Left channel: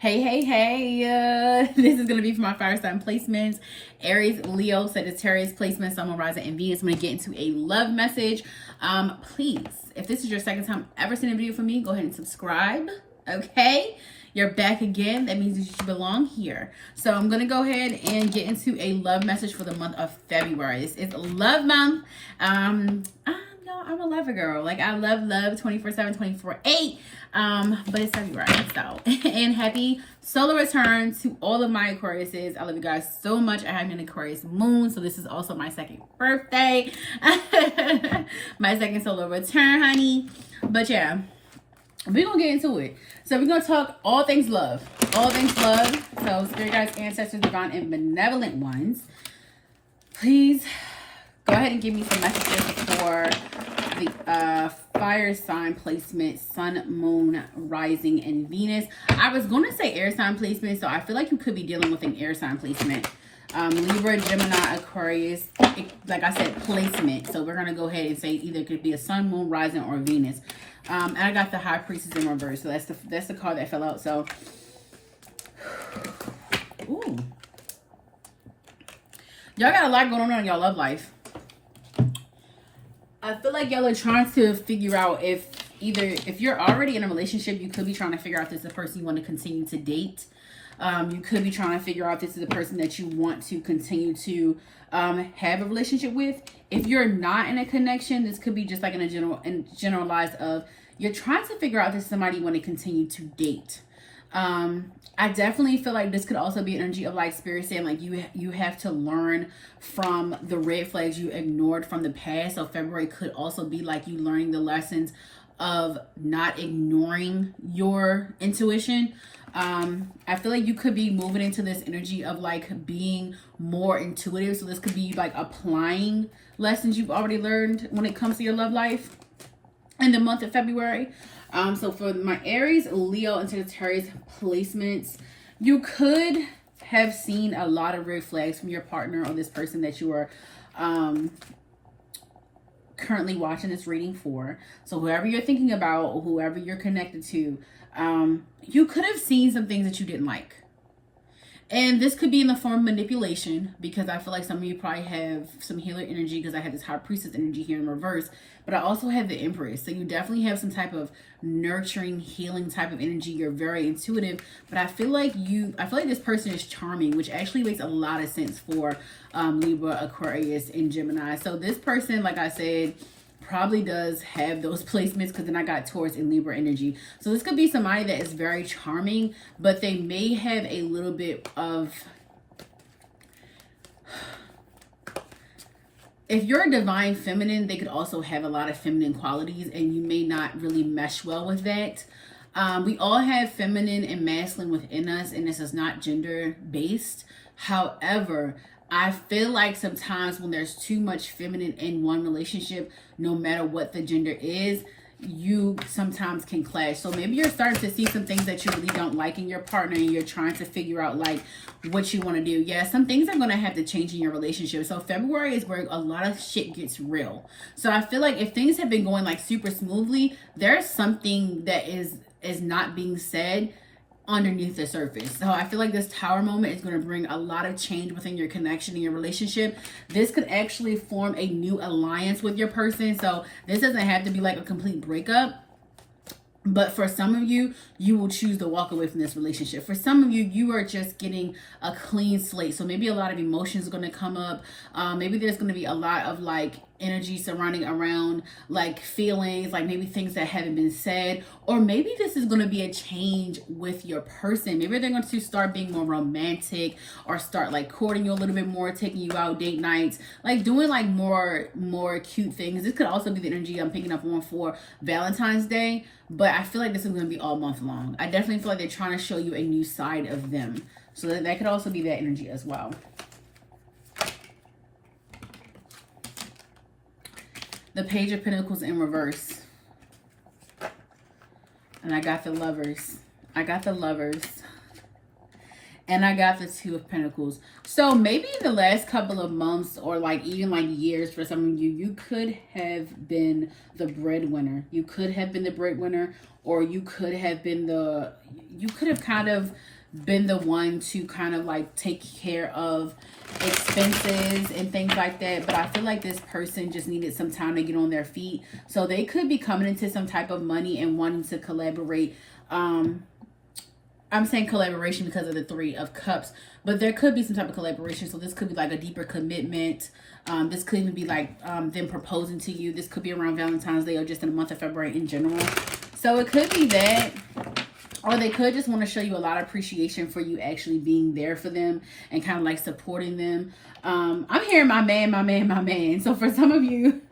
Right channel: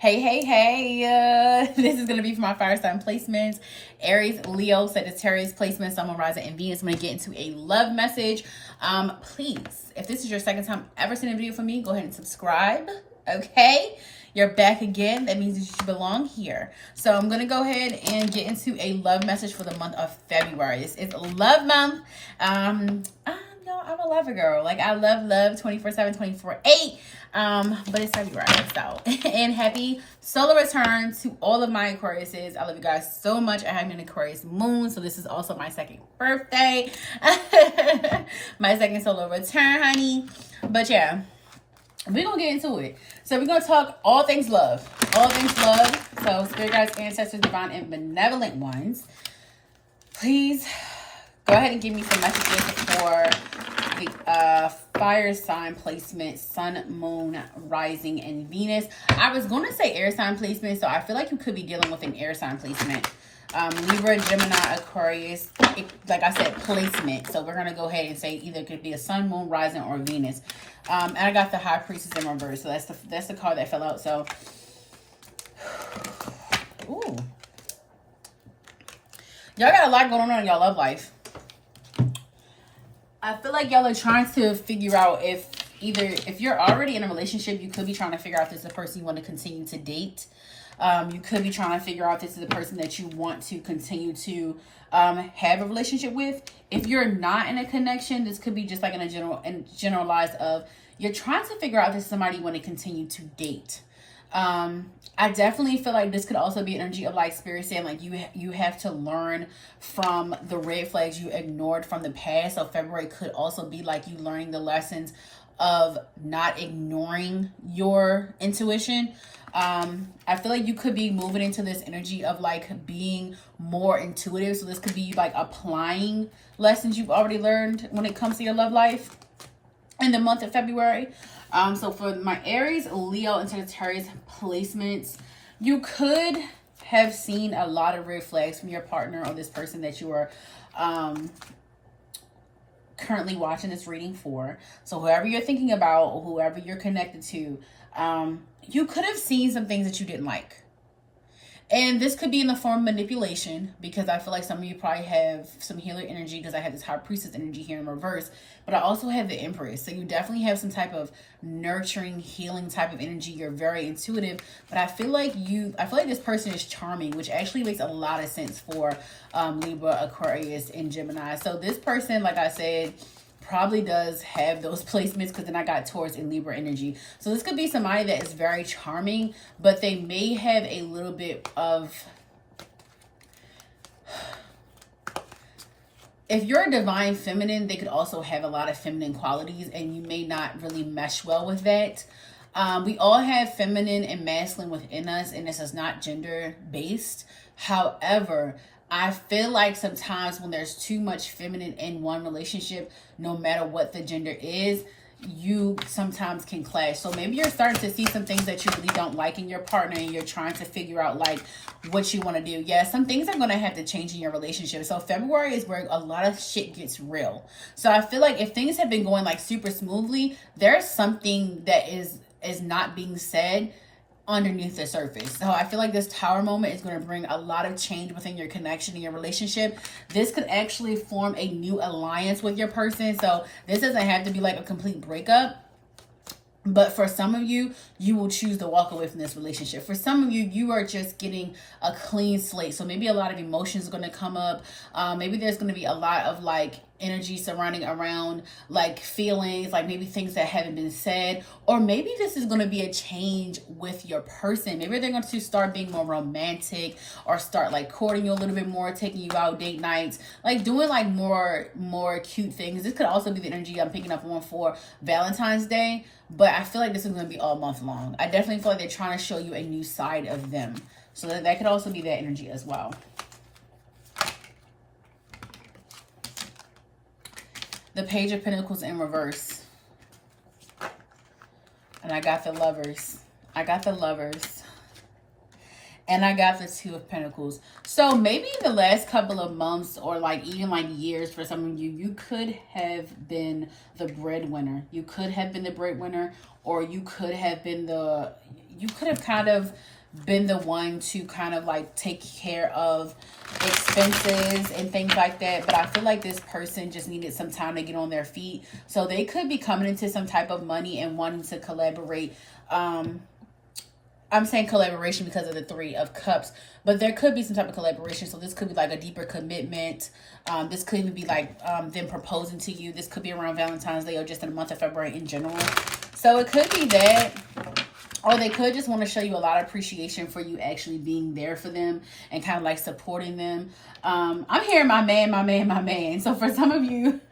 Hey. This is going to be for my fire sign placements. Aries, Leo, Sagittarius placements, Sun, Moon, Rising, and Venus. I'm going to get into a love message. Please, if this is your second time ever seeing a video from me, go ahead and subscribe. Okay? You're back again. That means that you belong here. So I'm going to go ahead and get into a love message for the month of February. This is love month. I'm a lover girl. Like, I love 24/7, 24/8. But it's February, so. And happy solar return to all of my Aquariuses. I love you guys so much. I have an Aquarius moon, so this is also my second birthday. My second solar return, honey. But yeah, we're gonna get into it. So we're gonna talk all things love. All things love. So spirit guides, ancestors, divine, and benevolent ones, please go ahead and give me some messages for the fire sign placement, Sun, Moon, Rising, and Venus. I was going to say air sign placement, so I feel like you could be dealing with an air sign placement. Libra, Gemini, Aquarius, like I said, placement. So we're going to go ahead and say either it could be a Sun, Moon, Rising, or Venus. And I got the High Priestess in reverse, so that's the card that fell out. So, ooh, y'all got a lot going on in y'all love life. I feel like y'all are trying to figure out if you're already in a relationship, you could be trying to figure out if this is the person you want to continue to date. You could be trying to figure out if this is the person that you want to continue to have a relationship with. If you're not in a connection, this could be just like in a generalized of you're trying to figure out if this is somebody you want to continue to date. I definitely feel like this could also be energy of like spirit saying like you have to learn from the red flags you ignored from the past. So February could also be like you learning the lessons of not ignoring your intuition. I feel like you could be moving into this energy of like being more intuitive. So this could be like applying lessons you've already learned when it comes to your love life in the month of February. So for my Aries, Leo, and Sagittarius placements, you could have seen a lot of red flags from your partner or this person that you are currently watching this reading for. So whoever you're thinking about or whoever you're connected to, you could have seen some things that you didn't like. And this could be in the form of manipulation, because I feel like some of you probably have some healer energy, because I have this High Priestess energy here in reverse. But I also have the Empress. So you definitely have some type of nurturing, healing type of energy. You're very intuitive. But I feel like this person is charming, which actually makes a lot of sense for Libra, Aquarius, and Gemini. So this person, like I said, probably does have those placements, because then I got Taurus and Libra energy. So this could be somebody that is very charming, but they may have a little bit of, if you're a divine feminine, they could also have a lot of feminine qualities, and you may not really mesh well with that. We all have feminine and masculine within us, and this is not gender based. However, I feel like sometimes when there's too much feminine in one relationship, no matter what the gender is, you sometimes can clash. So maybe you're starting to see some things that you really don't like in your partner, and you're trying to figure out like what you want to do. Yeah, some things are going to have to change in your relationship. So February is where a lot of shit gets real. So I feel like if things have been going like super smoothly, there's something that is not being said underneath the surface. So I feel like this Tower moment is going to bring a lot of change within your connection and your relationship. This could actually form a new alliance with your person. So this doesn't have to be like a complete breakup. But for some of you, you will choose to walk away from this relationship. For some of you, you are just getting a clean slate. So maybe a lot of emotions are going to come up. Maybe there's going to be a lot of like energy surrounding around like feelings, like maybe things that haven't been said. Or maybe this is going to be a change with your person. Maybe they're going to start being more romantic, or start like courting you a little bit more, taking you out date nights, like doing like more cute things. This could also be the energy I'm picking up on for Valentine's Day. But I feel like this is going to be all month long. I definitely feel like they're trying to show you a new side of them. So that could also be that energy as well. The Page of Pentacles in reverse. And I got the Lovers. I got the Lovers. And I got the Two of Pentacles. So maybe in the last couple of months, or like even like years for some of you, you could have been the breadwinner. You could have been the breadwinner, or you could have been you could have kind of been the one to kind of like take care of expenses and things like that. But I feel like this person just needed some time to get on their feet. So they could be coming into some type of money and wanting to collaborate. I'm saying collaboration because of the 3 of Cups, but there could be some type of collaboration. So this could be like a deeper commitment. This could even be like them proposing to you. This could be around Valentine's Day or just in the month of February in general. So it could be that, or they could just want to show you a lot of appreciation for you actually being there for them and kind of like supporting them. I'm hearing my man, my man, my man. So for some of you,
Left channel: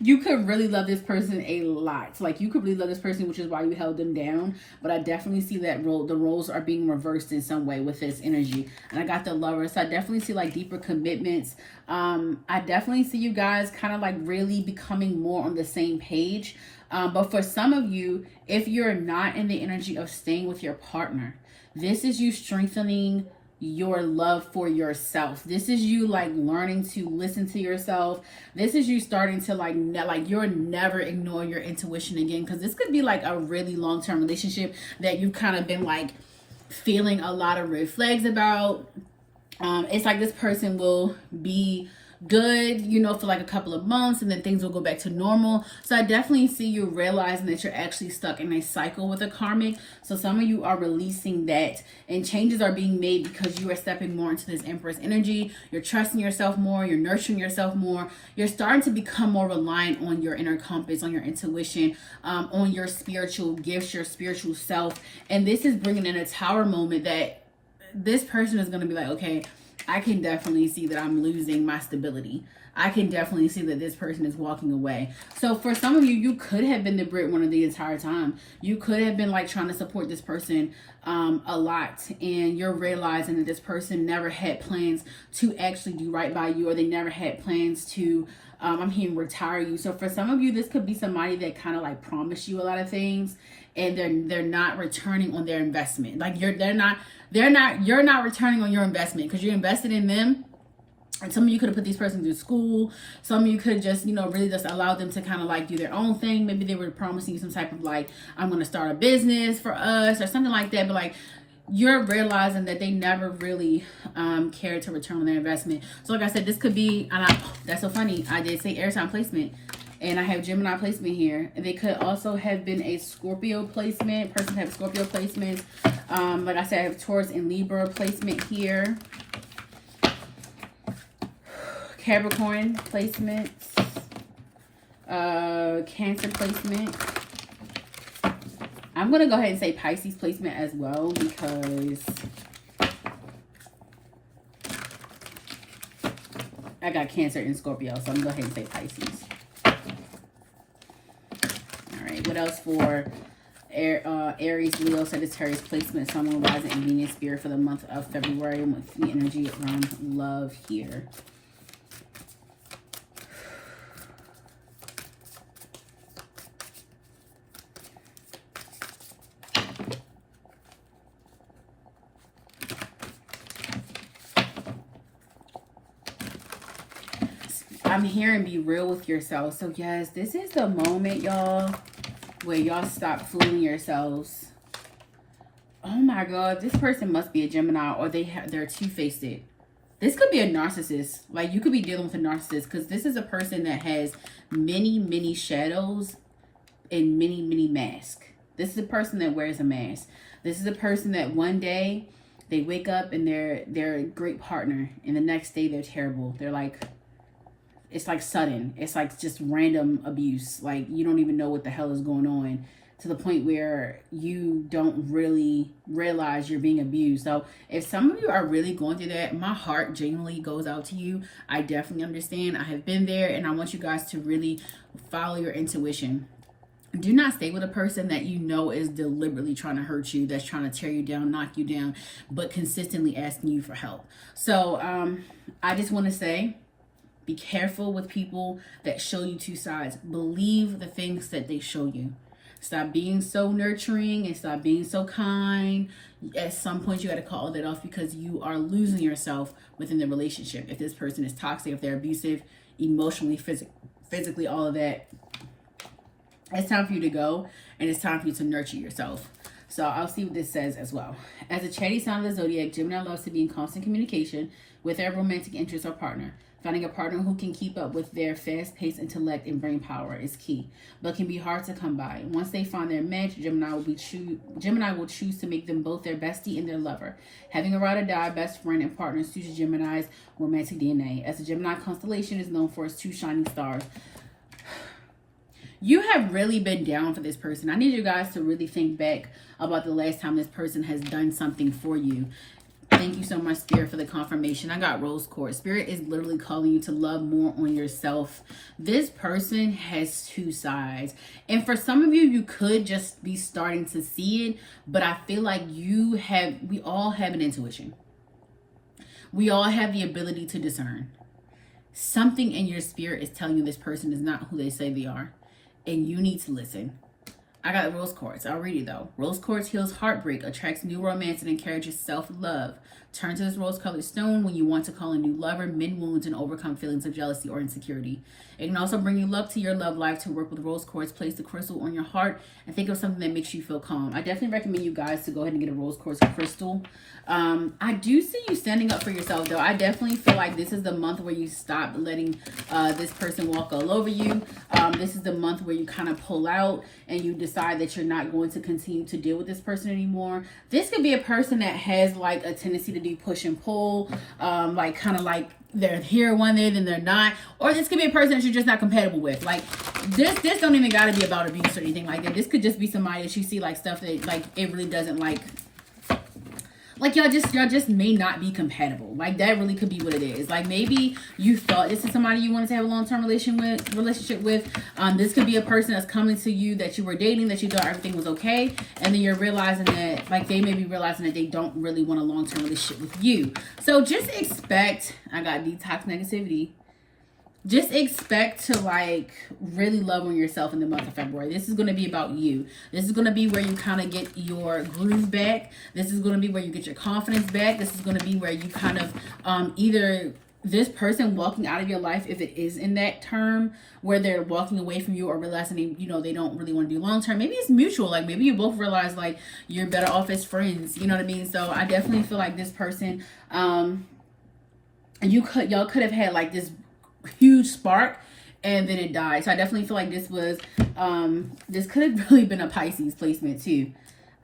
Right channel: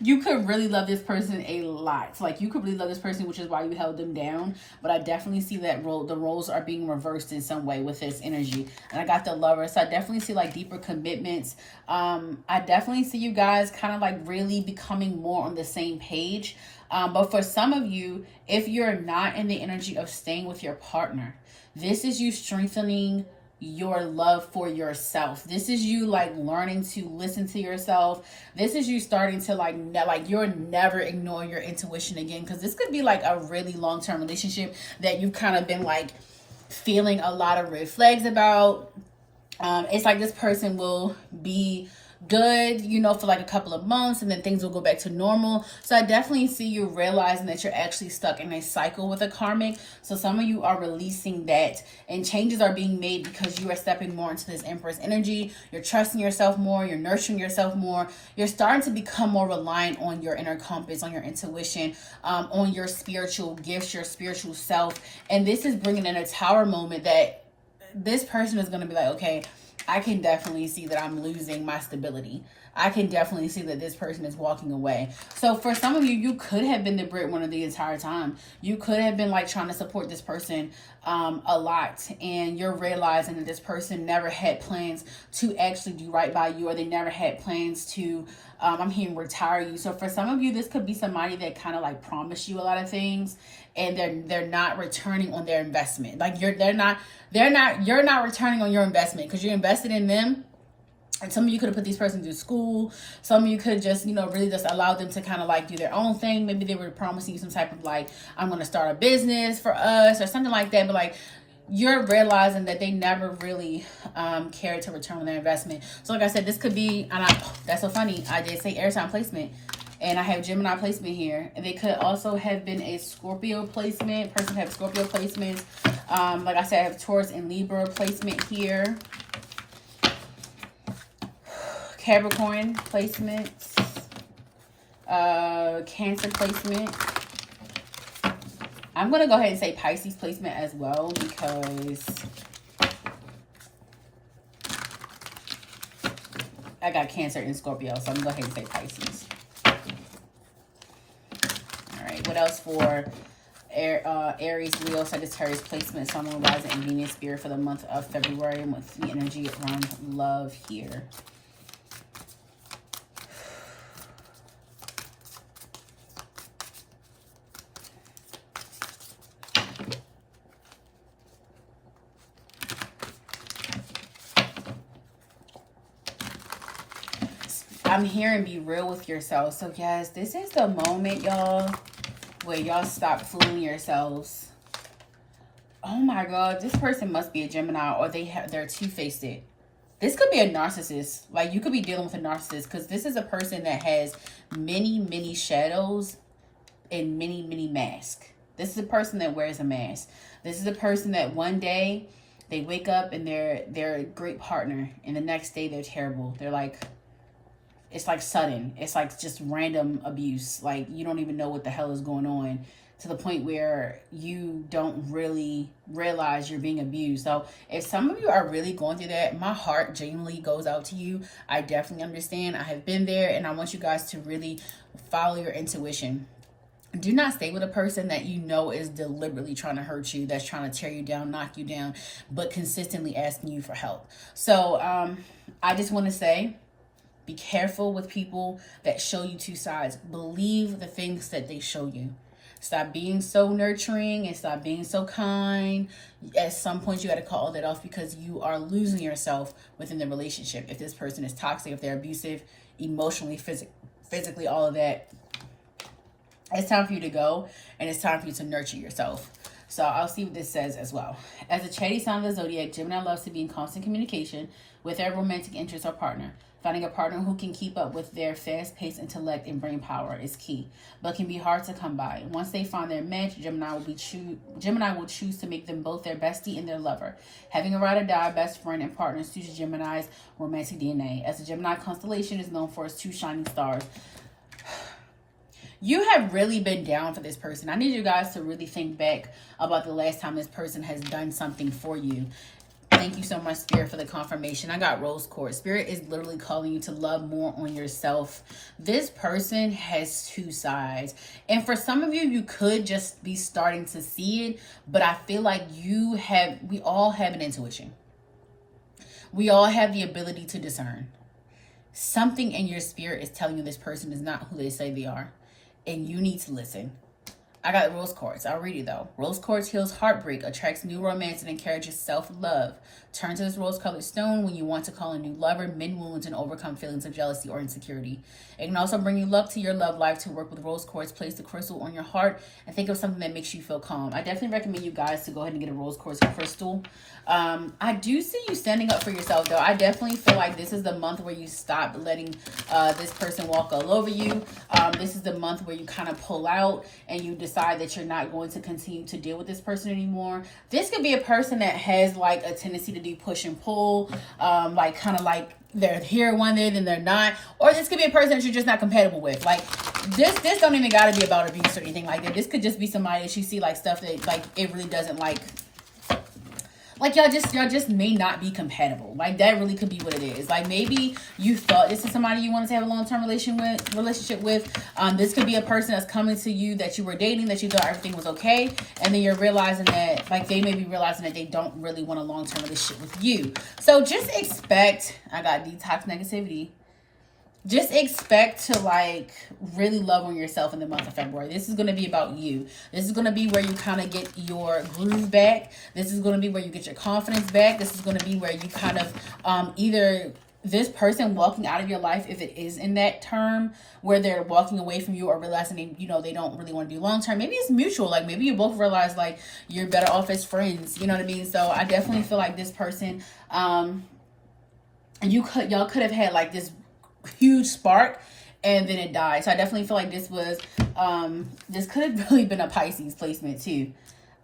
you could really love this person a lot. Like you could really love this person, which is why you held them down. But I definitely see that the roles are being reversed in some way with this energy. And I got the Lover. So I definitely see like deeper commitments. I definitely see you guys kind of like really becoming more on the same page. But for some of you, if you're not in the energy of staying with your partner, this is you strengthening your love for yourself. This is you like learning to listen to yourself. This is you starting to like you'll never ignore your intuition again, because this could be like a really long-term relationship that you've kind of been like feeling a lot of red flags about. It's like this person will be good, you know, for like a couple of months and then things will go back to normal. So I definitely see you realizing that you're actually stuck in a cycle with a karmic. So some of you are releasing that and changes are being made because you are stepping more into this Empress energy. You're trusting yourself more. You're nurturing yourself more. You're starting to become more reliant on your inner compass, on your intuition, on your spiritual gifts, your spiritual self. And this is bringing in a Tower moment that this person is going to be like, okay, I can definitely see that I'm losing my stability. I can definitely see that this person is walking away. So for some of you, you could have been the breadwinner the entire time. You could have been like trying to support this person a lot. And you're realizing that this person never had plans to actually do right by you, or they never had plans to, I'm hearing retire you. So for some of you, this could be somebody that kind of like promised you a lot of things and they're not returning on their investment. Like you're not returning on your investment because you're invested in them. And some of you could have put these persons through school. Some of you could just, you know, really just allow them to kind of like do their own thing. Maybe they were promising you some type of like, I'm going to start a business for us or something like that. But like, you're realizing that they never really cared to return on their investment. So like I said, this could be, that's so funny. I did say air sign placement. And I have Gemini placement here. And they could also have been a Scorpio placement. Person have Scorpio placements. Like I said, I have Taurus and Libra placement here. Capricorn placements. Cancer placement. I'm going to go ahead and say Pisces placement as well, because I got Cancer and Scorpio. So I'm going to go ahead and say Pisces. What else for Aries, Leo, Sagittarius placement, Sun, Moon, Rising, and Venus Spirit for the month of February with the energy around love here. I'm hearing be real with yourself. So yes, this is the moment, y'all, where y'all stop fooling yourselves. Oh my God, this person must be a Gemini, or they're two-faced. This could be a narcissist. Like you could be dealing with a narcissist, because this is a person that has many shadows and many masks. This is a person that wears a mask. This is a person that one day they wake up and they're a great partner, and the next day they're terrible. They're like, it's like sudden. It's like just random abuse. Like you don't even know what the hell is going on, to the point where you don't really realize you're being abused. So if some of you are really going through that, my heart genuinely goes out to you. I definitely understand. I have been there, and I want you guys to really follow your intuition. Do not stay with a person that you know is deliberately trying to hurt you, that's trying to tear you down, knock you down, but consistently asking you for help. So I just want to say, be careful with people that show you two sides. Believe the things that they show you. Stop being so nurturing and stop being so kind. At some point, you got to call that off, because you are losing yourself within the relationship. If this person is toxic, if they're abusive, emotionally, physically, all of that, it's time for you to go, and it's time for you to nurture yourself. So I'll see what this says as well. As a chatty sign of the zodiac, Gemini loves to be in constant communication with their romantic interest or partner. Finding a partner who can keep up with their fast-paced intellect and brain power is key, but can be hard to come by. Once they find their match, Gemini will choose to make them both their bestie and their lover. Having a ride or die best friend and partner suits Gemini's romantic DNA, as the Gemini constellation is known for its two shining stars. You have really been down for this person. I need you guys to really think back about the last time this person has done something for you. Thank you so much, Spirit, for the confirmation. I got Rose Quartz. Spirit is literally calling you to love more on yourself. This person has two sides. And for some of you, you could just be starting to see it. But I feel like we all have an intuition. We all have the ability to discern. Something in your spirit is telling you this person is not who they say they are. And you need to listen. I got Rose Quartz. I'll read it though. Rose Quartz heals heartbreak, attracts new romance, and encourages self-love. Turn to this rose-colored stone when you want to call a new lover, mend wounds, and overcome feelings of jealousy or insecurity. It can also bring you luck to your love life. To work with Rose Quartz, place the crystal on your heart and think of something that makes you feel calm. I definitely recommend you guys to go ahead and get a Rose Quartz crystal. I do see you standing up for yourself though. I definitely feel like this is the month where you stop letting this person walk all over you. This is the month where you kind of pull out and you decide that you're not going to continue to deal with this person anymore. This could be a person that has like a tendency to do push and pull, like kind of like they're here one day then they're not, or this could be a person that you're just not compatible with. Like this don't even gotta be about abuse or anything like that. This could just be somebody that you see like stuff that like it really doesn't like y'all just may not be compatible. Like that really could be what it is. Like maybe you thought this is somebody you wanted to have a long-term relationship with. This could be a person that's coming to you that you were dating, that you thought everything was okay, and then you're realizing that like they may be realizing that they don't really want a long-term relationship with you. So just expect, I got detox negativity. Just expect to like really love on yourself in the month of February. This is going to be about you. This is going to be where you kind of get your groove back. This is going to be where you get your confidence back. This is going to be where you kind of either this person walking out of your life, if it is in that term where they're walking away from you or realizing they don't really want to be long term. Maybe it's mutual. Like maybe you both realize like you're better off as friends. You know what I mean? So I definitely feel like this person, y'all could have had like this huge spark and then it died. So I definitely feel like this was this could have really been a Pisces placement too.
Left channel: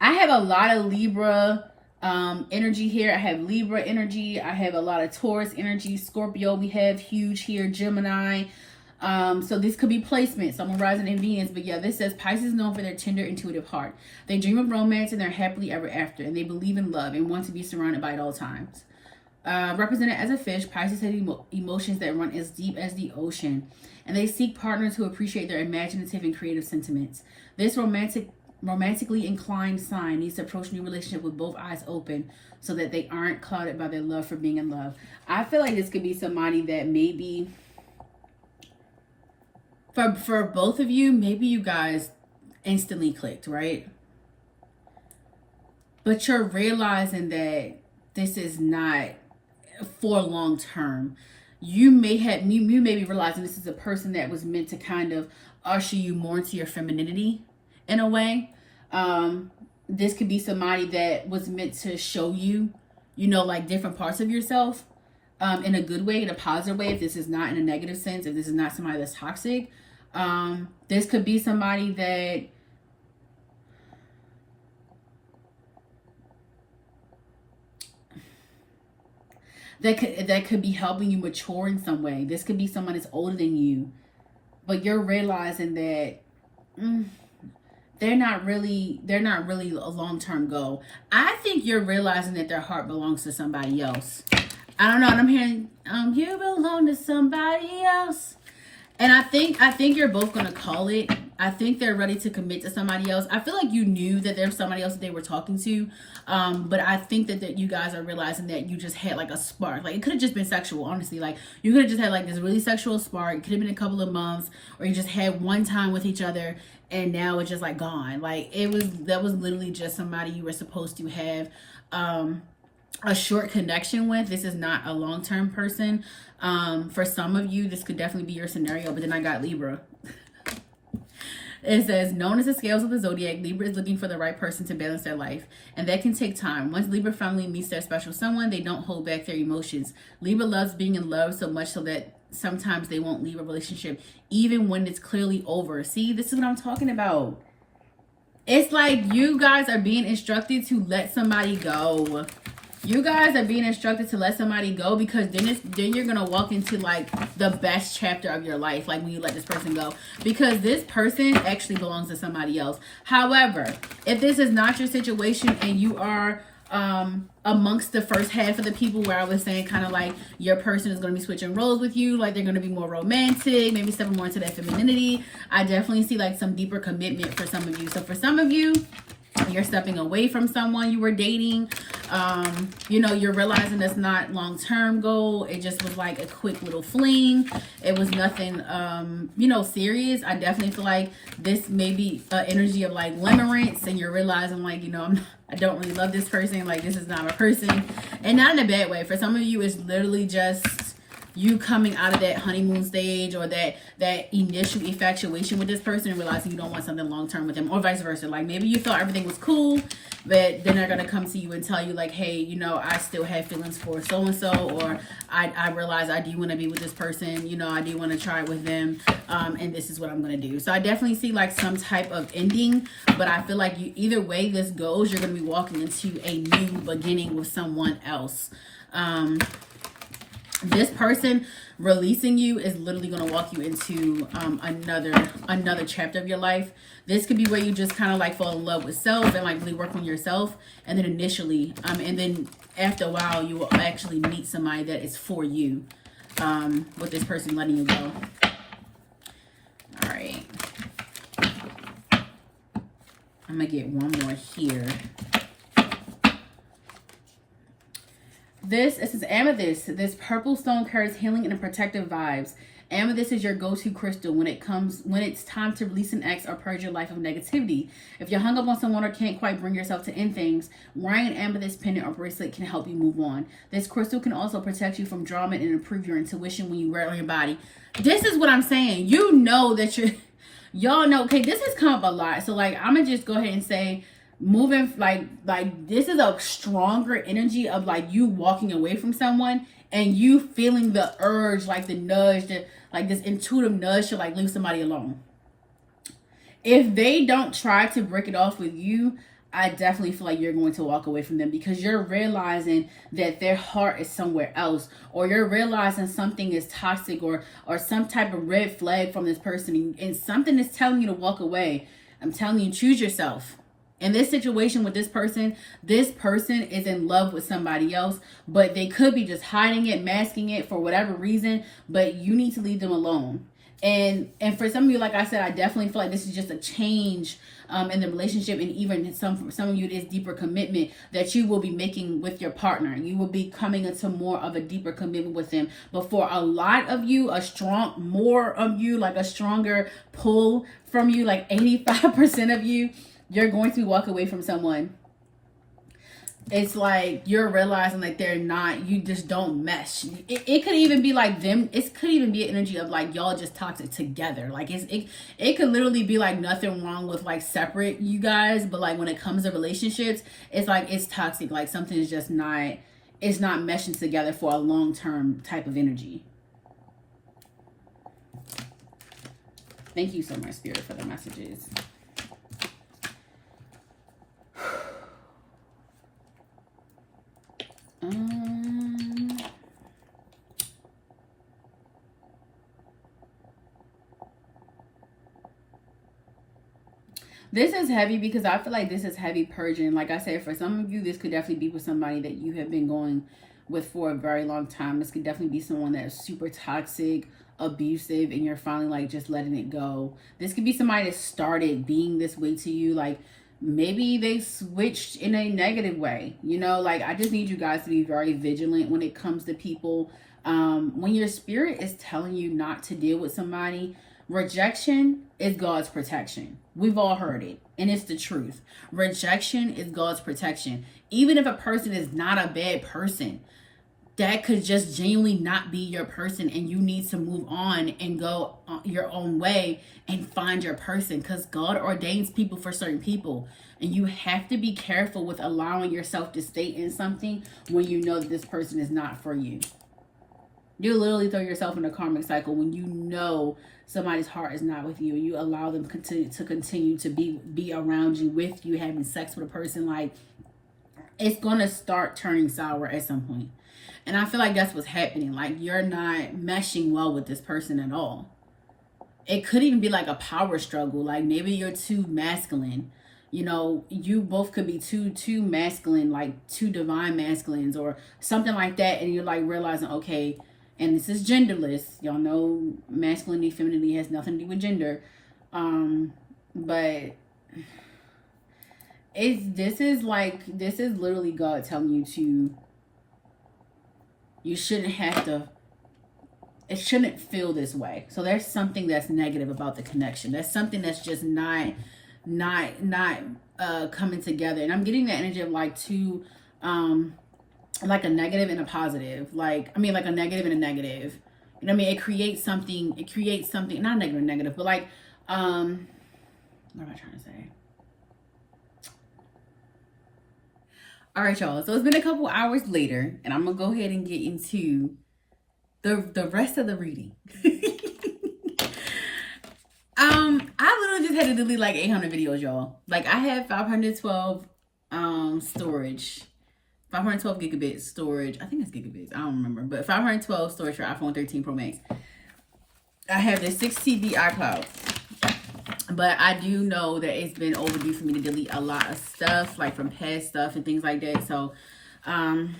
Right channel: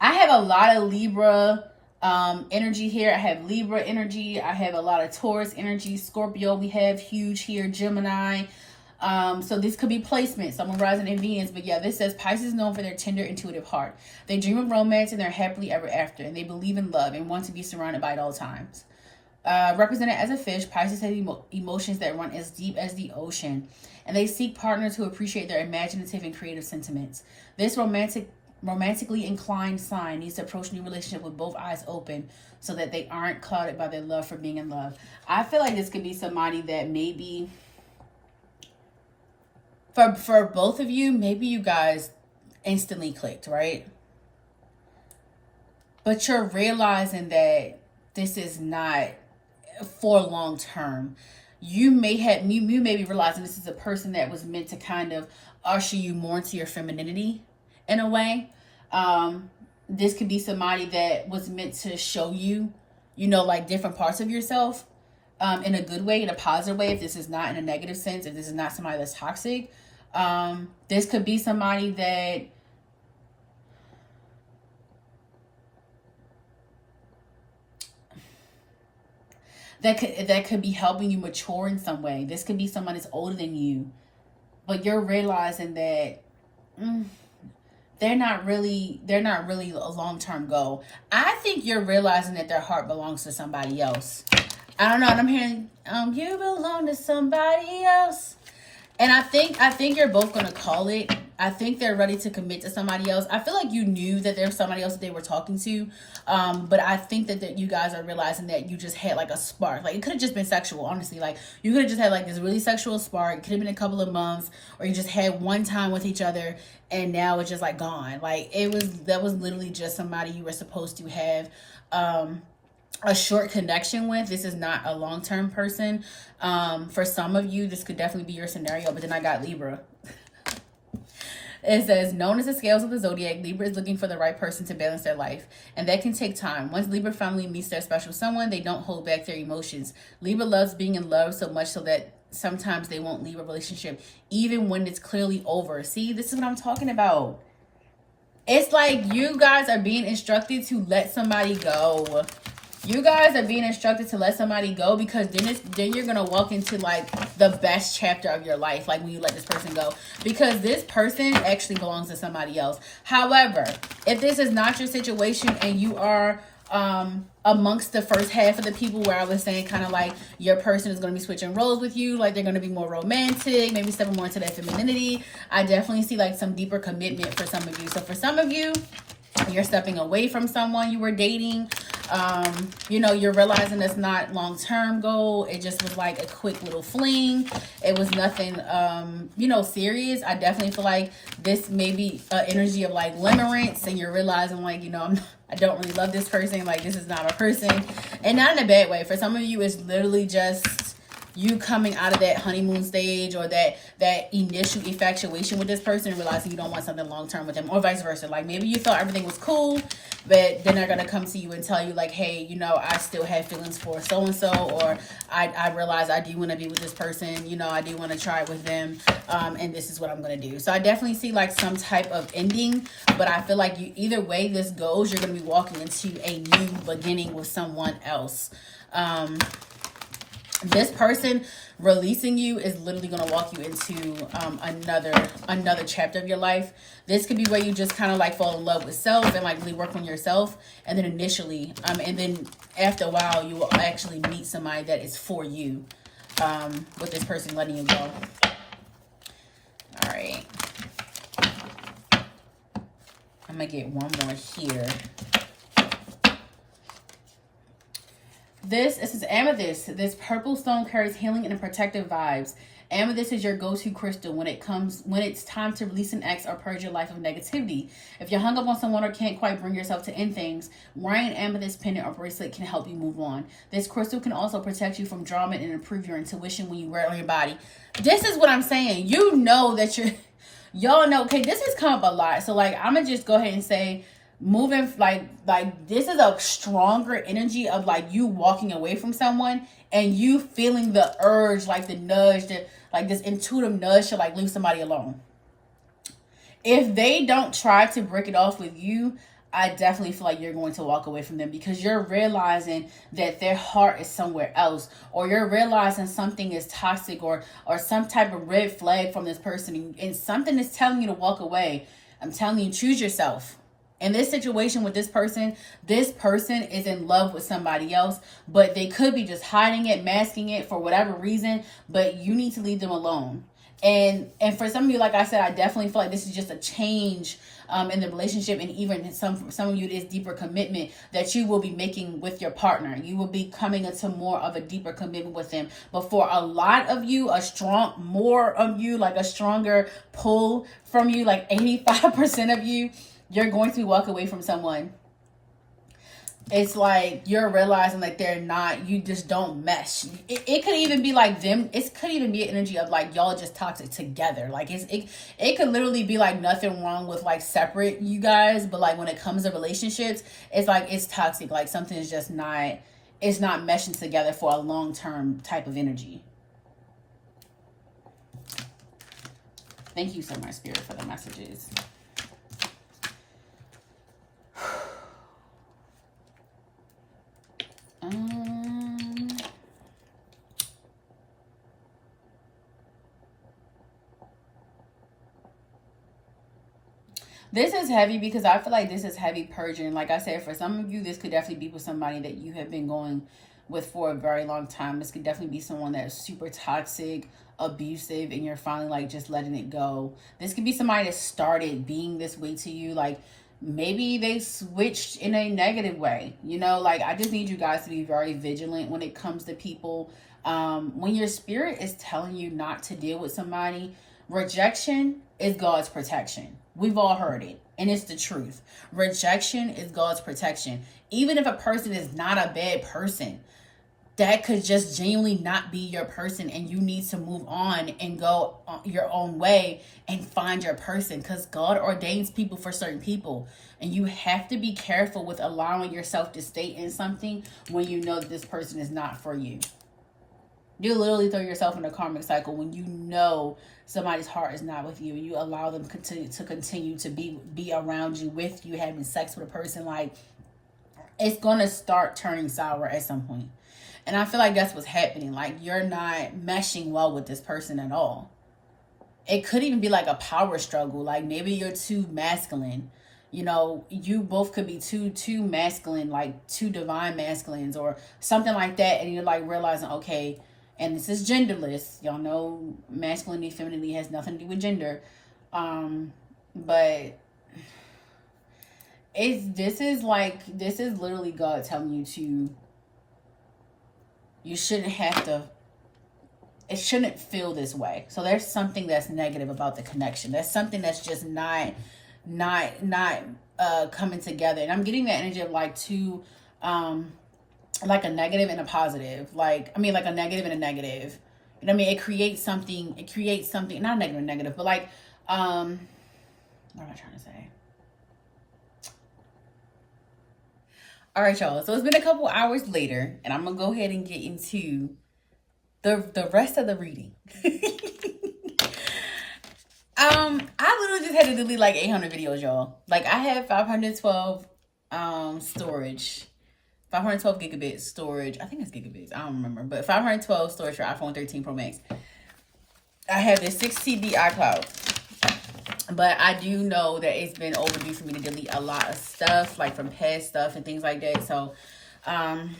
I have a lot of Libra energy here. I have Libra energy. I have a lot of Taurus energy. Scorpio we have huge here. Gemini. So this could be placement. Someone rising in Venus. But yeah, this says Pisces is known for their tender, intuitive heart. They dream of romance and they're happily ever after. And they believe in love and want to be surrounded by it at all times. Represented as a fish, Pisces have emotions that run as deep as the ocean, and they seek partners who appreciate their imaginative and creative sentiments. This romantically inclined sign needs to approach new relationship with both eyes open so that they aren't clouded by their love for being in love. I feel like this could be somebody that maybe for both of you, maybe you guys instantly clicked, right? But you're realizing that this is not for long term. You may be realizing this is a person that was meant to kind of usher you more into your femininity in a way. This could be somebody that was meant to show you, like different parts of yourself in a good way, in a positive way. If this is not in a negative sense, if this is not somebody that's toxic, this could be somebody that could be helping you mature in some way. This could be someone that's older than you, but you're realizing that they're not really a long-term goal. I think you're realizing that their heart belongs to somebody else. I don't know. I'm hearing you belong to somebody else. And I think you're both gonna call it. I think they're ready to commit to somebody else. I feel like you knew that there's somebody else that they were talking to. But I think that you guys are realizing that you just had like a spark. Like it could have just been sexual, honestly. Like you could have just had like this really sexual spark. It could have been a couple of months, or you just had one time with each other and now it's just like gone. Like that was literally just somebody you were supposed to have a short connection with. This is not a long-term person. For some of you, this could definitely be your scenario, but then I got Libra. It says, known as the scales of the zodiac, Libra is looking for the right person to balance their life, and that can take time. Once Libra finally meets their special someone, they don't hold back their emotions. Libra loves being in love so much so that sometimes they won't leave a relationship even when it's clearly over. See, this is what I'm talking about. It's like you guys are being instructed to let somebody go. You guys are being instructed to let somebody go, because then you're going to walk into like the best chapter of your life, like when you let this person go, because this person actually belongs to somebody else. However, if this is not your situation and you are amongst the first half of the people where I was saying kind of like your person is going to be switching roles with you, like they're going to be more romantic, maybe stepping more into that femininity, I definitely see like some deeper commitment for some of you. So for some of you, you're stepping away from someone you were dating. You know, you're realizing it's not long-term goal. It just was like a quick little fling. It was nothing, you know, serious. I definitely feel like this may be an energy of like limerence, and you're realizing like, you know, I don't really love this person. Like, this is not a person, and not in a bad way. For some of you, it's literally just you coming out of that honeymoon stage, or that initial infatuation with this person, and realizing you don't want something long-term with them, or vice versa. Like, maybe you thought everything was cool, but then they're going to come to you and tell you like, hey, you know, I still have feelings for so-and-so, or I realize I do want to be with this person, you know, I do want to try it with them, and this is what I'm going to do. So I definitely see like some type of ending, but I feel like you, either way this goes, you're going to be walking into a new beginning with someone else. This person releasing you is literally going to walk you into another chapter of your life. This could be where you just kind of like fall in love with self and like really work on yourself, and then initially and then after a while you will actually meet somebody that is for you, with this person letting you go. All right, I'm gonna get one more here. This is amethyst. This purple stone carries healing and protective vibes. Amethyst is your go-to crystal when it's time to release an ex or purge your life of negativity. If you're hung up on someone or can't quite bring yourself to end things, wearing an amethyst pendant or bracelet can help you move on. This crystal can also protect you from drama and improve your intuition when you wear it on your body. This is what I'm saying. You know that y'all know, okay, this has come up a lot. So like, I'm gonna just go ahead and say, moving like this is a stronger energy of like you walking away from someone and you feeling the urge, like the nudge, like this intuitive nudge to like leave somebody alone. If they don't try to break it off with you, I definitely feel like you're going to walk away from them, because you're realizing that their heart is somewhere else, or you're realizing something is toxic or some type of red flag from this person, and something is telling you to walk away. I'm telling you, choose yourself. In this situation with this person is in love with somebody else, but they could be just hiding it, masking it for whatever reason, but you need to leave them alone. And for some of you, like I said, I definitely feel like this is just a change in the relationship, and even some of you, this deeper commitment that you will be making with your partner. You will be coming into more of a deeper commitment with them. But for a lot of you, more of you, like a stronger pull from you, like 85% of you, you're going to walk away from someone. It's like you're realizing like they're not, you just don't mesh. It could even be like them. It could even be an energy of like y'all just toxic together. Like it could literally be like nothing wrong with like separate you guys, but like when it comes to relationships, it's like it's toxic. Like something is just not, it's not meshing together for a long-term type of energy. Thank you so much, Spirit, for the messages. This is heavy because I feel like this is heavy purging. Like I said, for some of you, this could definitely be with somebody that you have been going with for a very long time. This could definitely be someone that is super toxic, abusive, and you're finally like just letting it go. This could be somebody that started being this way to you. Like maybe they switched in a negative way, you know. Like I just need you guys to be very vigilant when it comes to people. When your spirit is telling you not to deal with somebody, rejection is God's protection. We've all heard it, and it's the truth. Rejection is God's protection. Even if a person is not a bad person, that could just genuinely not be your person, and you need to move on and go your own way and find your person, because God ordains people for certain people, and you have to be careful with allowing yourself to stay in something when you know that this person is not for you. You literally throw yourself in a karmic cycle when you know somebody's heart is not with you. You allow them to continue to be around you, with you, having sex with a person. Like, it's going to start turning sour at some point. And I feel like that's what's happening. Like, you're not meshing well with this person at all. It could even be like a power struggle. Like, maybe you're too masculine. You know, you both could be too masculine, like two divine masculines or something like that. And you're like realizing, okay, and this is genderless. Y'all know masculinity, femininity has nothing to do with gender. But this is literally God telling you you shouldn't have to, it shouldn't feel this way. So there's something that's negative about the connection. There's something that's just not coming together. And I'm getting the energy of like two, like a negative and a positive. Like, I mean, like a negative and a negative. You know what I mean? It creates something, not negative and negative, but like, what am I trying to say? All right, y'all. So it's been a couple hours later, and I'm gonna go ahead and get into the rest of the reading. I literally just had to delete like 800 videos, y'all. Like, I have 512 storage, 512 gigabit storage. I think it's gigabits. I don't remember, but 512 storage for iPhone 13 Pro Max. I have this 6 TB iCloud. But I do know that it's been overdue for me to delete a lot of stuff, like from past stuff and things like that. So I'm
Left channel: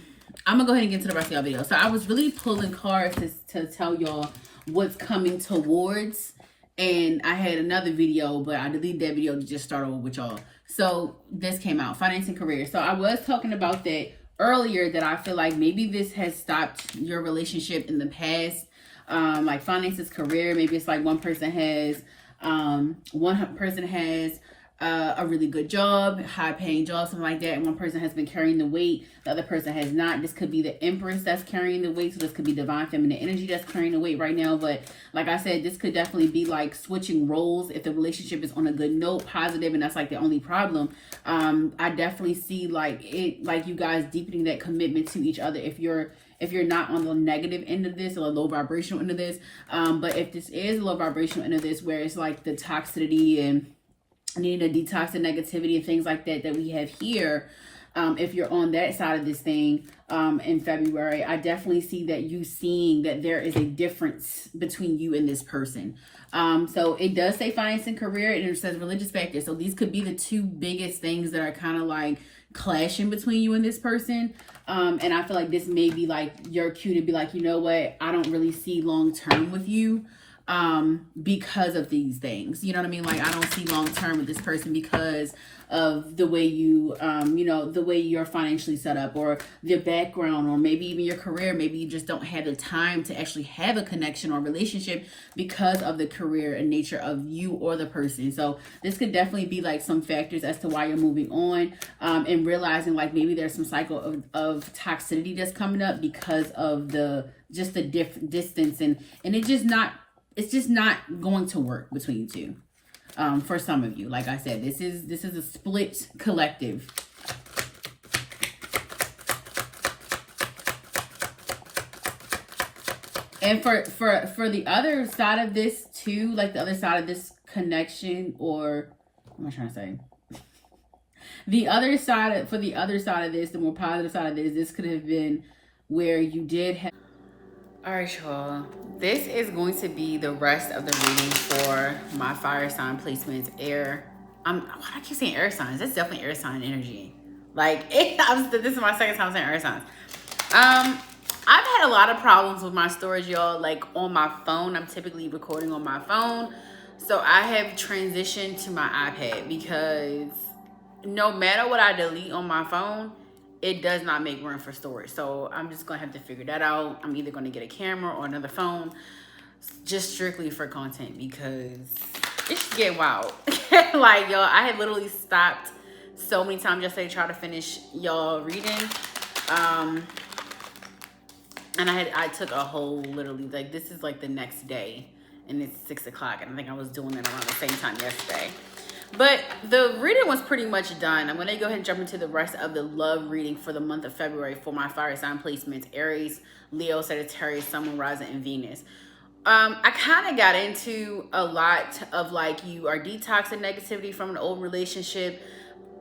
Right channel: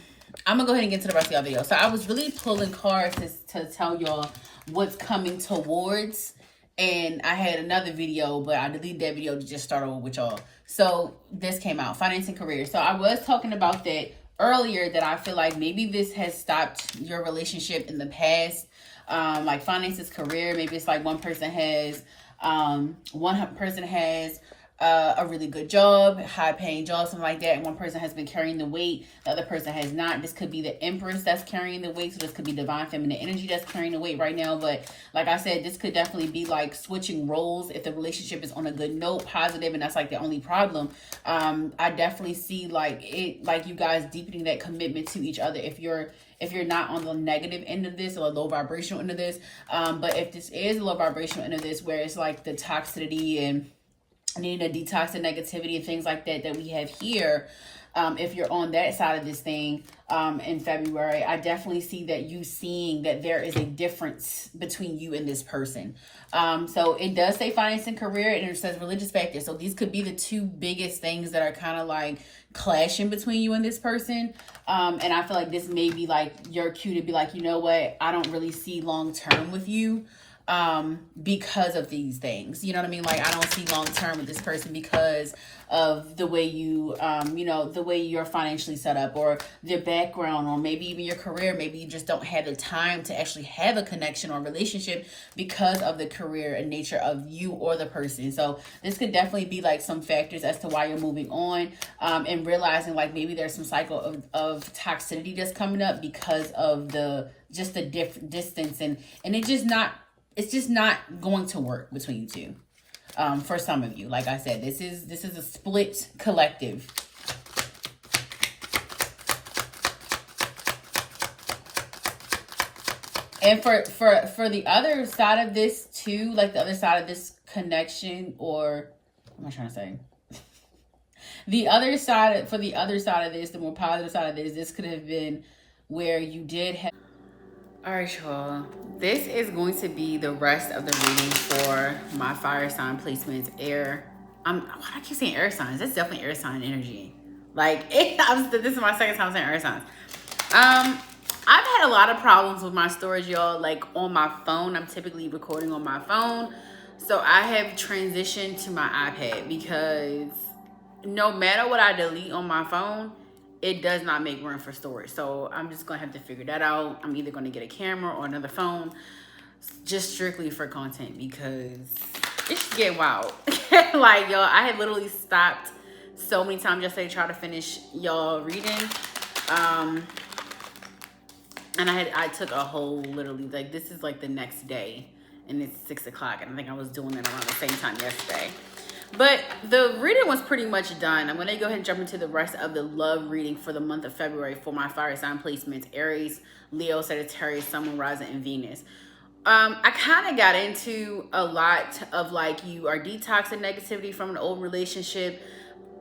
gonna go ahead and get into the rest of y'all video. So I was really pulling cards to tell y'all what's coming towards. And I had another video, but I deleted that video to just start over with y'all. So this came out, finance and career. So I was talking about that earlier, that I feel like maybe this has stopped your relationship in the past. Like finances, career, maybe it's like one person has a really good job, high paying job, something like that, and one person has been carrying the weight, the other person has not. This could be the Empress that's carrying the weight, so this could be divine feminine energy that's carrying the weight right now. But like I said, this could definitely be like switching roles if the relationship is on a good note, positive, and that's like the only problem. I definitely see like you guys deepening that commitment to each other if you're not on the negative end of this or the low vibrational end of this. But if this is a low vibrational end of this, where it's like the toxicity and needing to detox the negativity and things like that we have here, if you're on that side of this thing in February, I definitely see that you seeing that there is a difference between you and this person. So it does say finance and career, and it says religious factors. So these could be the two biggest things that are kind of like clashing between you and this person. And I feel like this may be like your cue to be like, you know what, I don't really see long term with you because of these things. You know what I mean? Like, I don't see long term with this person because of the way you, the way you're financially set up, or your background, or maybe even your career. Maybe you just don't have the time to actually have a connection or relationship because of the career and nature of you or the person. So this could definitely be like some factors as to why you're moving on, and realizing like maybe there's some cycle of toxicity that's coming up because of the different distance, and it's just not going to work between you two. For some of you, like I said, this is a split collective. And for the other side of this too, like the other side of this connection, or what am I trying to say? The other side of this, the more positive side of this could have been where you did have. All right, y'all. This is going to be the rest of the reading for my fire sign placements. I keep saying air signs. That's definitely air sign energy. Like, this is my second time saying air signs. I've had a lot of problems with my storage, y'all. Like, on my phone, I'm typically recording on my phone. So I have transitioned to my iPad, because no matter what I delete on my phone, it does not make room for storage. So I'm just gonna have to figure that out. I'm either gonna get a camera or another phone, just strictly for content, because it's getting wild. Like, y'all, I had literally stopped so many times yesterday to try to finish y'all reading. And I took a whole, literally, like, this is like the next day, and it's 6 o'clock, and I think I was doing it around the same time yesterday. But the reading was pretty much done. I'm going to go ahead and jump into the rest of the love reading for the month of February for my fire sign placements: Aries, Leo, Sagittarius, Sun, Moon, Rising, and Venus. I kind of got into a lot of, like, you are detoxing negativity from an old relationship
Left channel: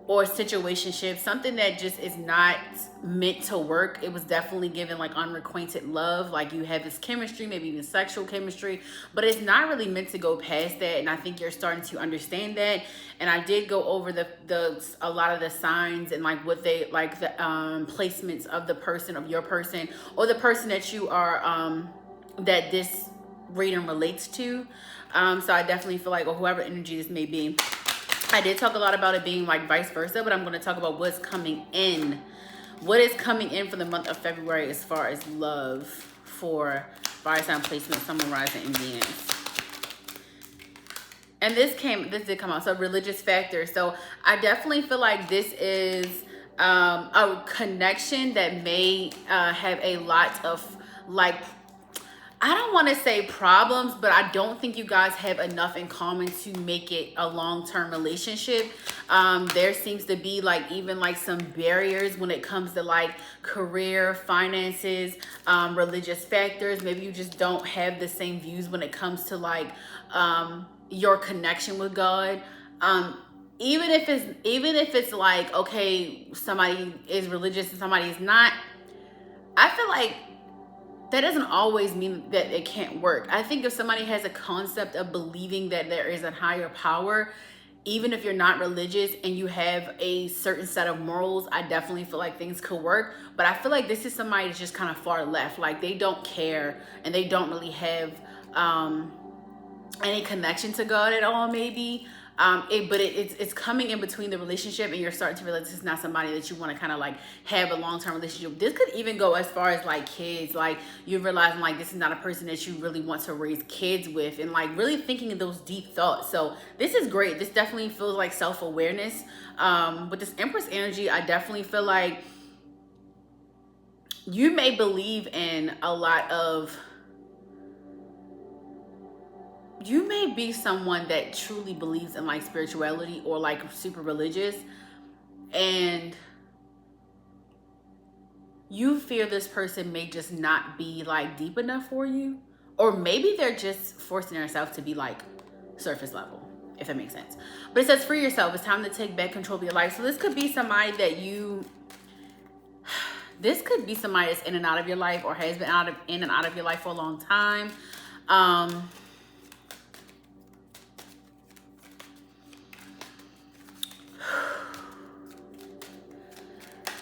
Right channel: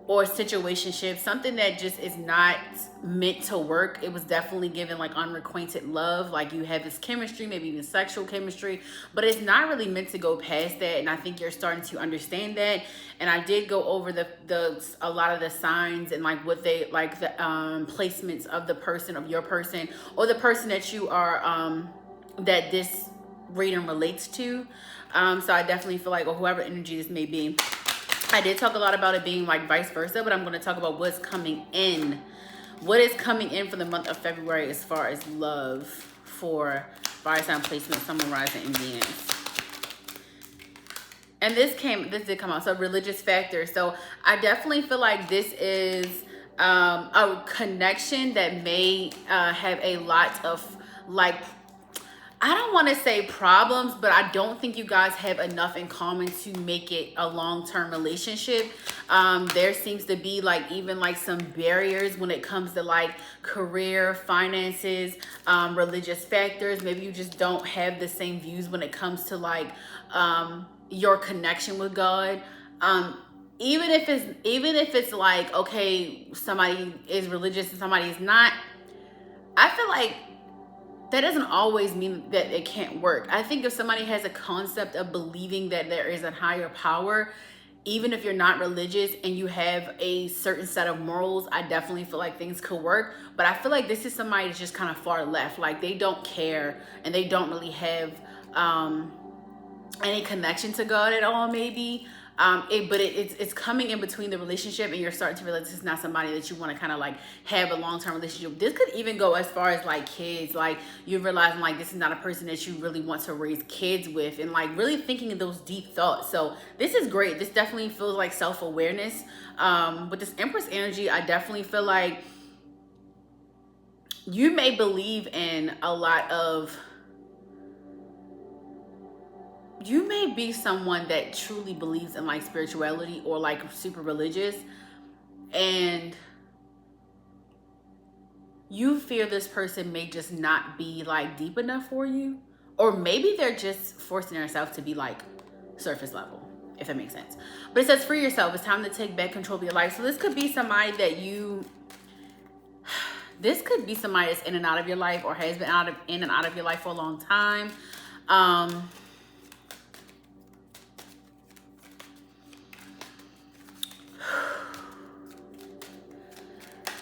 or situationship, something that just is not meant to work. It was definitely given like unrequited love, like you have this chemistry, maybe even sexual chemistry, but it's not really meant to go past that. And I think you're starting to understand that. And I did go over a lot of the signs and like what they like, the placements of the person, of your person, or the person that you are that this reading relates to. So I definitely feel like, or whoever energy this may be, I did talk a lot about it being like vice versa, but I'm going to talk about what's coming in. What is coming in for the month of February as far as love for fire sign placement, Sun, Moon, Rising, and Venus. And this did come out. So religious factor. So I definitely feel like this is a connection that may have a lot of, like, I don't want to say problems, but I don't think you guys have enough in common to make it a long-term relationship. There seems to be like even like some barriers when it comes to like career, finances, religious factors. Maybe you just don't have the same views when it comes to like your connection with God. Even if it's like, okay, somebody is religious and somebody is not, I feel like that doesn't always mean that it can't work. I think if somebody has a concept of believing that there is a higher power, even if you're not religious and you have a certain set of morals, I definitely feel like things could work. But I feel like this is somebody that's just kind of far left. Like they don't care and they don't really have any connection to God at all, maybe. It's coming in between the relationship, and you're starting to realize this is not somebody that you want to kind of like have a long-term relationship. This could even go as far as like kids. Like you're realizing like this is not a person that you really want to raise kids with, and like really thinking of those deep thoughts. So this is great. This definitely feels like self-awareness. With this Empress energy, I definitely feel like you may believe in a lot of, you may be someone that truly believes in like spirituality or like super religious, and you fear this person may just not be like deep enough for you, or maybe they're just forcing themselves to be like surface level, if that makes sense. But it says free yourself. It's time to take back control of your life. So this could be somebody that this could be somebody that's in and out of your life, or has been in and out of your life for a long time.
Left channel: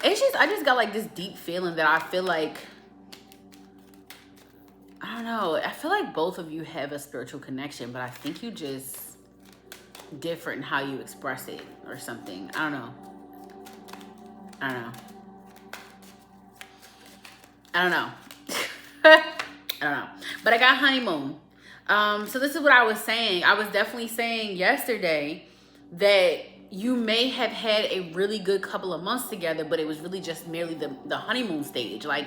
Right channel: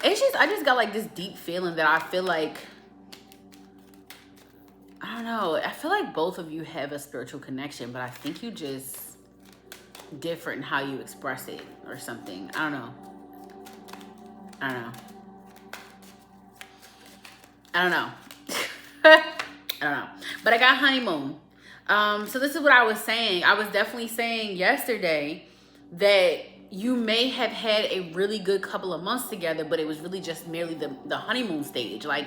It's just, I just got like this deep feeling that I feel like, I don't know, I feel like both of you have a spiritual connection, but I think you just different in how you express it or something. I don't know. I don't know. But I got honeymoon. So this is what I was saying. I was definitely saying yesterday that you may have had a really good couple of months together, but it was really just merely the honeymoon stage. Like,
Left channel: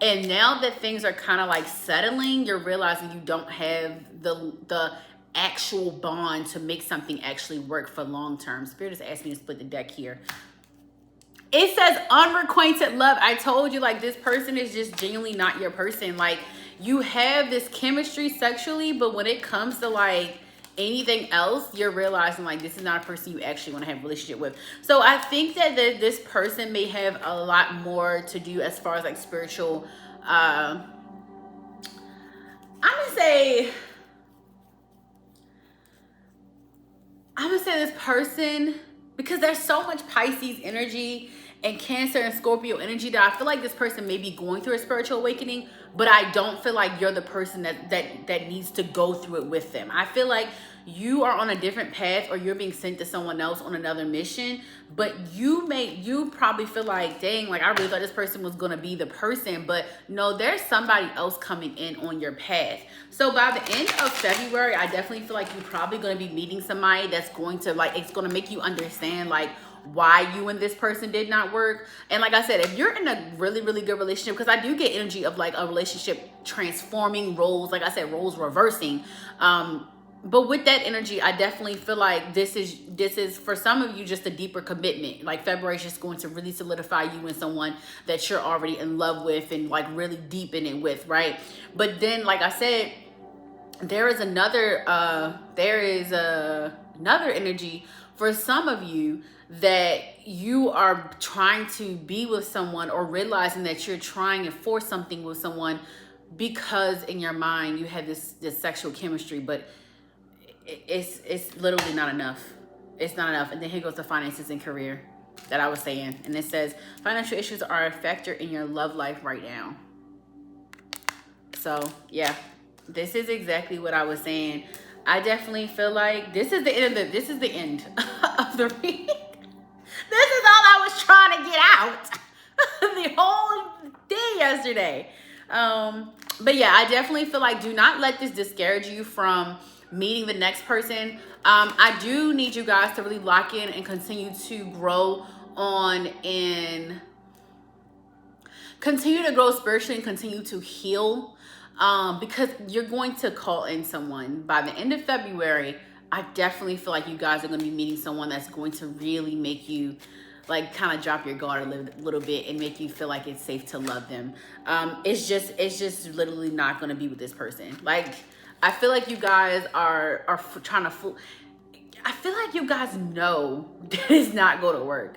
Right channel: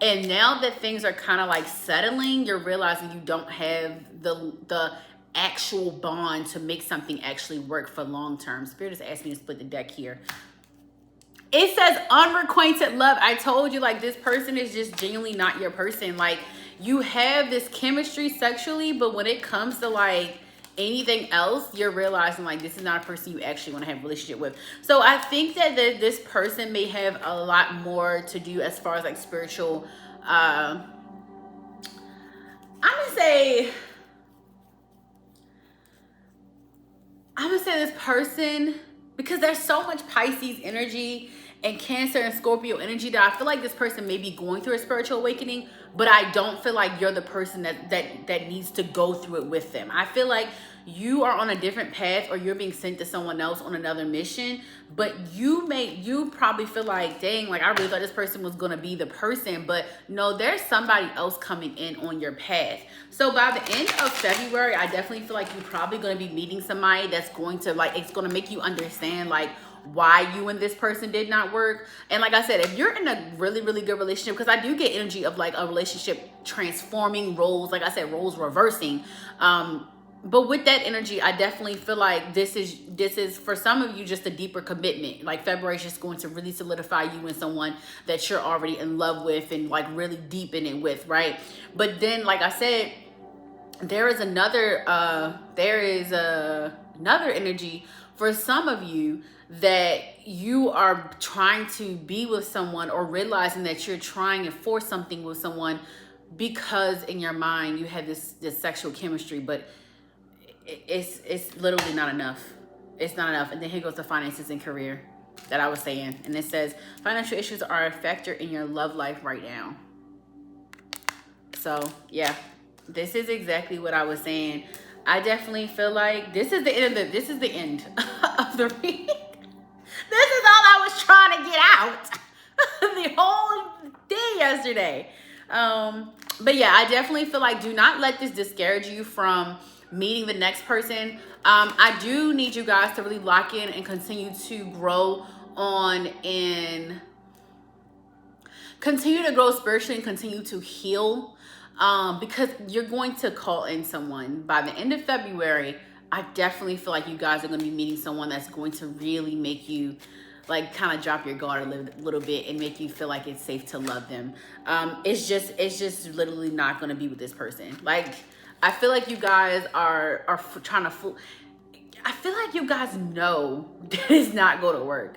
and now that things are kind of like settling, you're realizing you don't have the actual bond to make something actually work for long term. Spirit is asking me to split the deck here. It says unrequited love. I told you, like, this person is just genuinely not your person. Like, you have this chemistry sexually, but when it comes to like anything else, you're realizing like this is not a person you actually want to have a relationship with. So I think that this person may have a lot more to do as far as like spiritual, I'm gonna say this person, because there's so much Pisces energy and Cancer and Scorpio energy that I feel like this person may be going through a spiritual awakening, but I don't feel like you're the person that needs to go through it with them. I feel like you are on a different path, or you're being sent to someone else on another mission, but you probably feel like, dang, like I really thought this person was going to be the person, but no, there's somebody else coming in on your path. So by the end of February, I definitely feel like you're probably going to be meeting somebody that's going to like, it's going to make you understand like, why you and this person did not work. And like I said, if you're in a really, really good relationship, because I do get energy of like a relationship transforming, roles, like I said, roles reversing. But with that energy, I definitely feel like this is for some of you just a deeper commitment. Like February is just going to really solidify you in someone that you're already in love with and like really deep in it with, right? But then, like I said, there is another energy for some of you that you are trying to be with someone, or realizing that you're trying to force something with someone because in your mind you have this sexual chemistry, but it's literally not enough. It's not enough. And then here goes the finances and career that I was saying. And it says financial issues are a factor in your love life right now. So yeah, this is exactly what I was saying. I definitely feel like this is the end of the reading. This is all I was trying to get out the whole day yesterday. But yeah, I definitely feel like do not let this discourage you from meeting the next person. I do need you guys to really lock in and continue to grow on and continue to grow spiritually and continue to heal, because you're going to call in someone by the end of February. I definitely feel like you guys are going to be meeting someone that's going to really make you like kind of drop your guard a little bit and make you feel like it's safe to love them. It's just literally not going to be with this person. Like, I feel like you guys are trying to fool. I feel like you guys know that it's not going to work,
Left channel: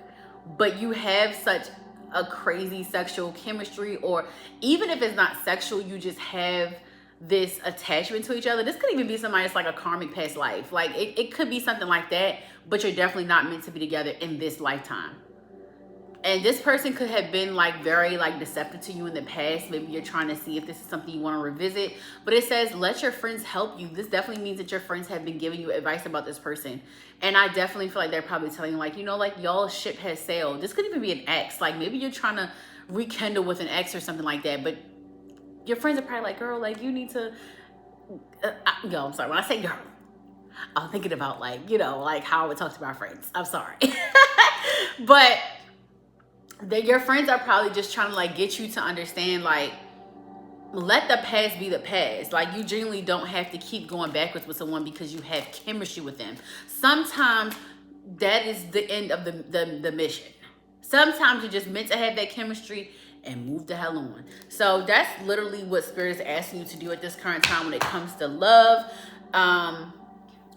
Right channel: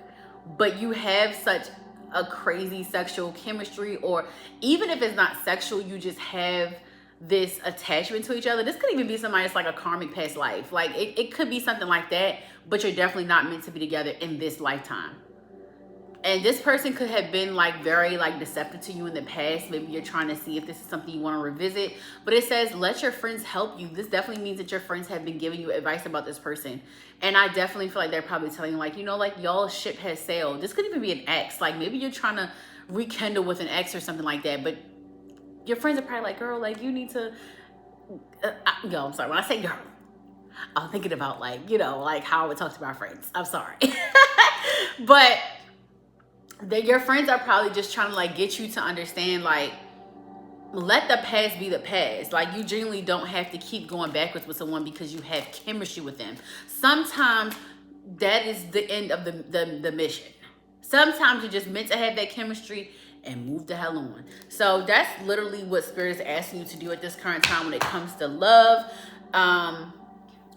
but you have such a crazy sexual chemistry, or even if it's not sexual, you just have this attachment to each other. This could even be somebody that's like a karmic past life. Like it could be something like that, but you're definitely not meant to be together in this lifetime. And this person could have been like very like deceptive to you in the past. Maybe you're trying to see if this is something you want to revisit. But it says, let your friends help you. This definitely means that your friends have been giving you advice about this person. And I definitely feel like they're probably telling you, like, you know, like y'all ship has sailed. This could even be an ex. Like maybe you're trying to rekindle with an ex or something like that. But your friends are probably like, girl, like you need to, yo, I'm sorry. When I say girl, I'm thinking about like, you know, like how I would talk to my friends. I'm sorry. But your friends are probably just trying to like get you to understand, like, let the past be the past. Like you genuinely don't have to keep going backwards with someone because you have chemistry with them. Sometimes that is the end of the mission. Sometimes you're just meant to have that chemistry and move the hell on. So that's literally what Spirit is asking you to do at this current time when it comes to love.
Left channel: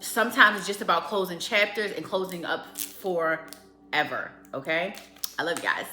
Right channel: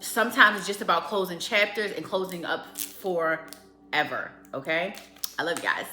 Sometimes it's just about closing chapters and closing up forever. Okay? I love you guys.